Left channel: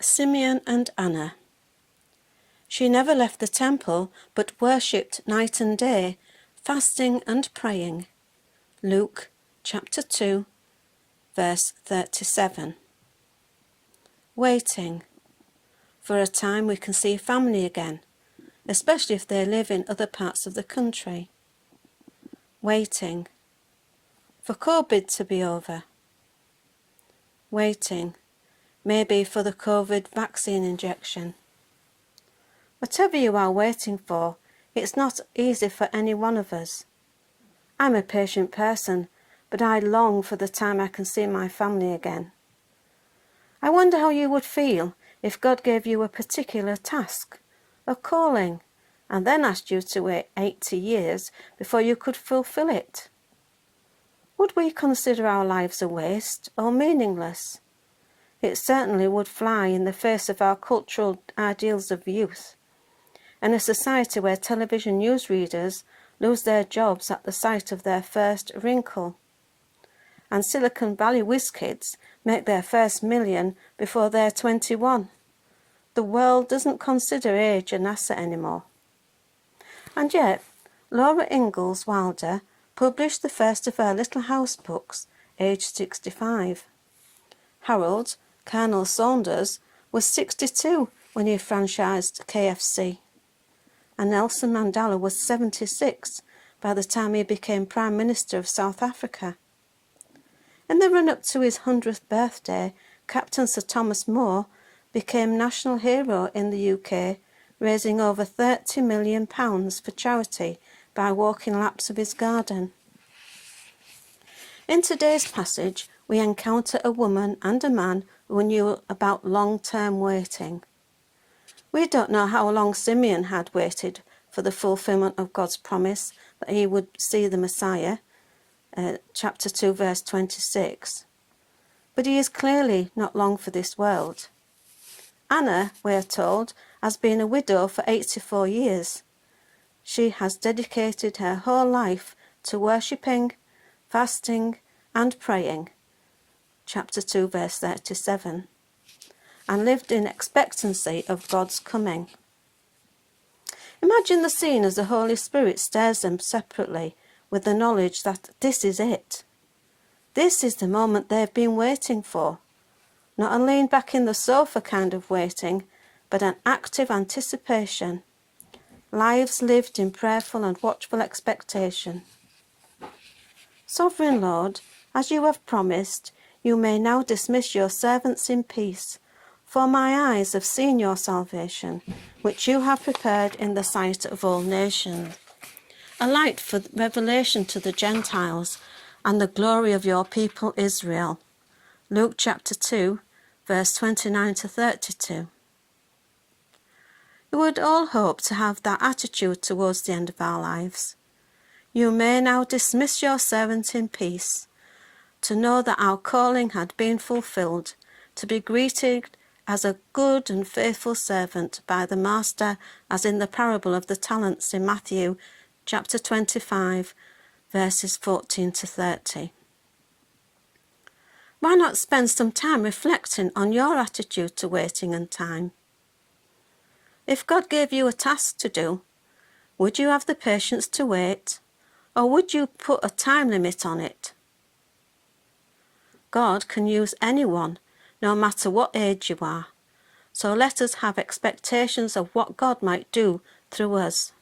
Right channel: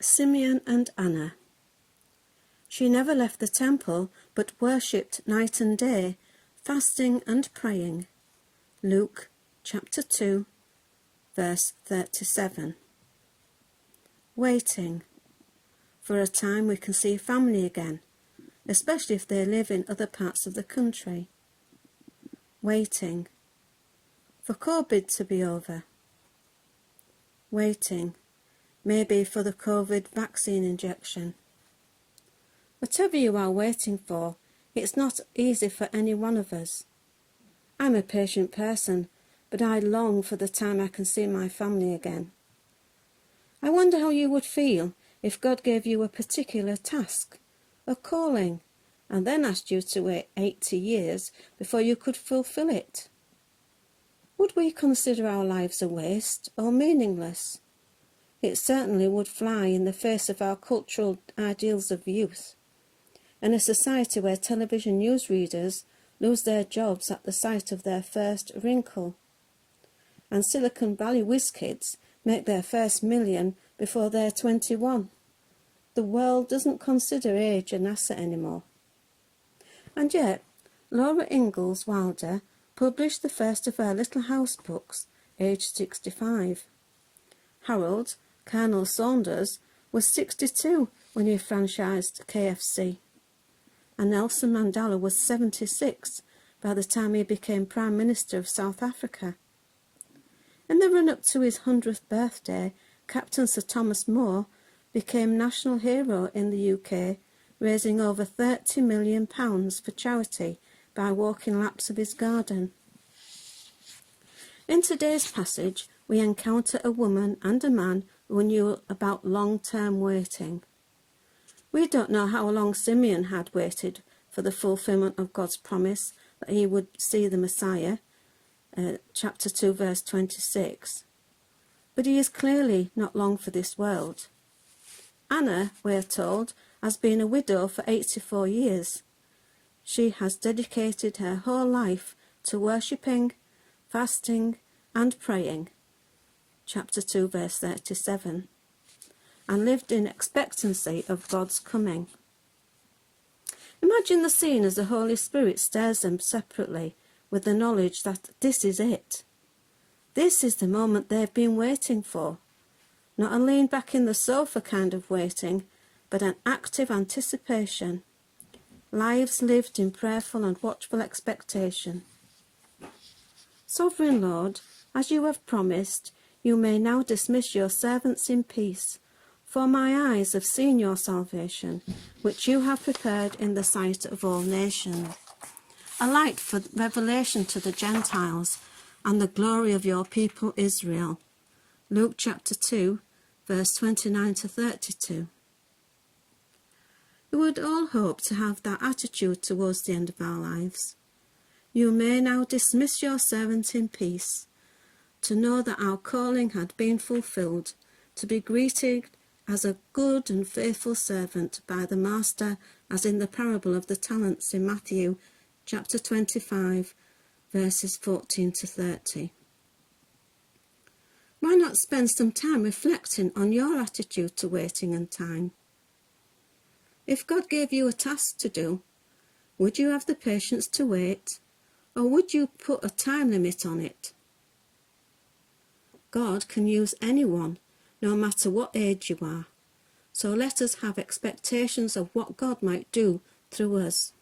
Simeon and Anna. She never left the temple, but worshipped night and day, fasting and praying. Luke chapter 2, verse 37. Waiting. For a time we can see family again, especially if they live in other parts of the country. Waiting. For COVID to be over. Waiting. Maybe for the COVID vaccine injection. Whatever you are waiting for, it's not easy for any one of us. I'm a patient person, but I long for the time I can see my family again. I wonder how you would feel if God gave you a particular task, a calling, and then asked you to wait 80 years before you could fulfill it. Would we consider our lives a waste or meaningless? It certainly would fly in the face of our cultural ideals of youth. In a society where television newsreaders lose their jobs at the sight of their first wrinkle, and Silicon Valley whiz kids make their first million before they're 21. The world doesn't consider age an asset anymore. And yet, Laura Ingalls Wilder published the first of her Little House books, aged 65. Harold Colonel Saunders was 62 when he franchised KFC. And Nelson Mandela was 76 by the time he became Prime Minister of South Africa. In the run-up to his 100th birthday, Captain Sir Thomas More became national hero in the UK, raising over £30 million for charity by walking laps of his garden. In today's passage, we encounter a woman and a man who knew about long-term waiting. We don't know how long Simeon had waited for the fulfillment of God's promise that he would see the Messiah, chapter 2, verse 26. But he is clearly not long for this world. Anna, we are told, has been a widow for 84 years. She has dedicated her whole life to worshipping, fasting, and praying, chapter 2, verse 37, and lived in expectancy of God's coming. Imagine the scene as the Holy Spirit stares them separately with the knowledge that this is it. This is the moment they've been waiting for. Not a lean back in the sofa kind of waiting, but an active anticipation. Lives lived in prayerful and watchful expectation. Sovereign Lord, as you have promised, you may now dismiss your servants in peace, for my eyes have seen your salvation, which you have prepared in the sight of all nations, a light for revelation to the Gentiles and the glory of your people Israel. Luke chapter 2, verse 29 to 32. We would all hope to have that attitude towards the end of our lives. You may now dismiss your servant in peace, to know that our calling had been fulfilled, to be greeted as a good and faithful servant by the Master, as in the parable of the talents in Matthew chapter 25, verses 14 to 30. Why not spend some time reflecting on your attitude to waiting and time? If God gave you a task to do, would you have the patience to wait, or would you put a time limit on it? God can use anyone, no matter what age you are, so let us have expectations of what God might do through us.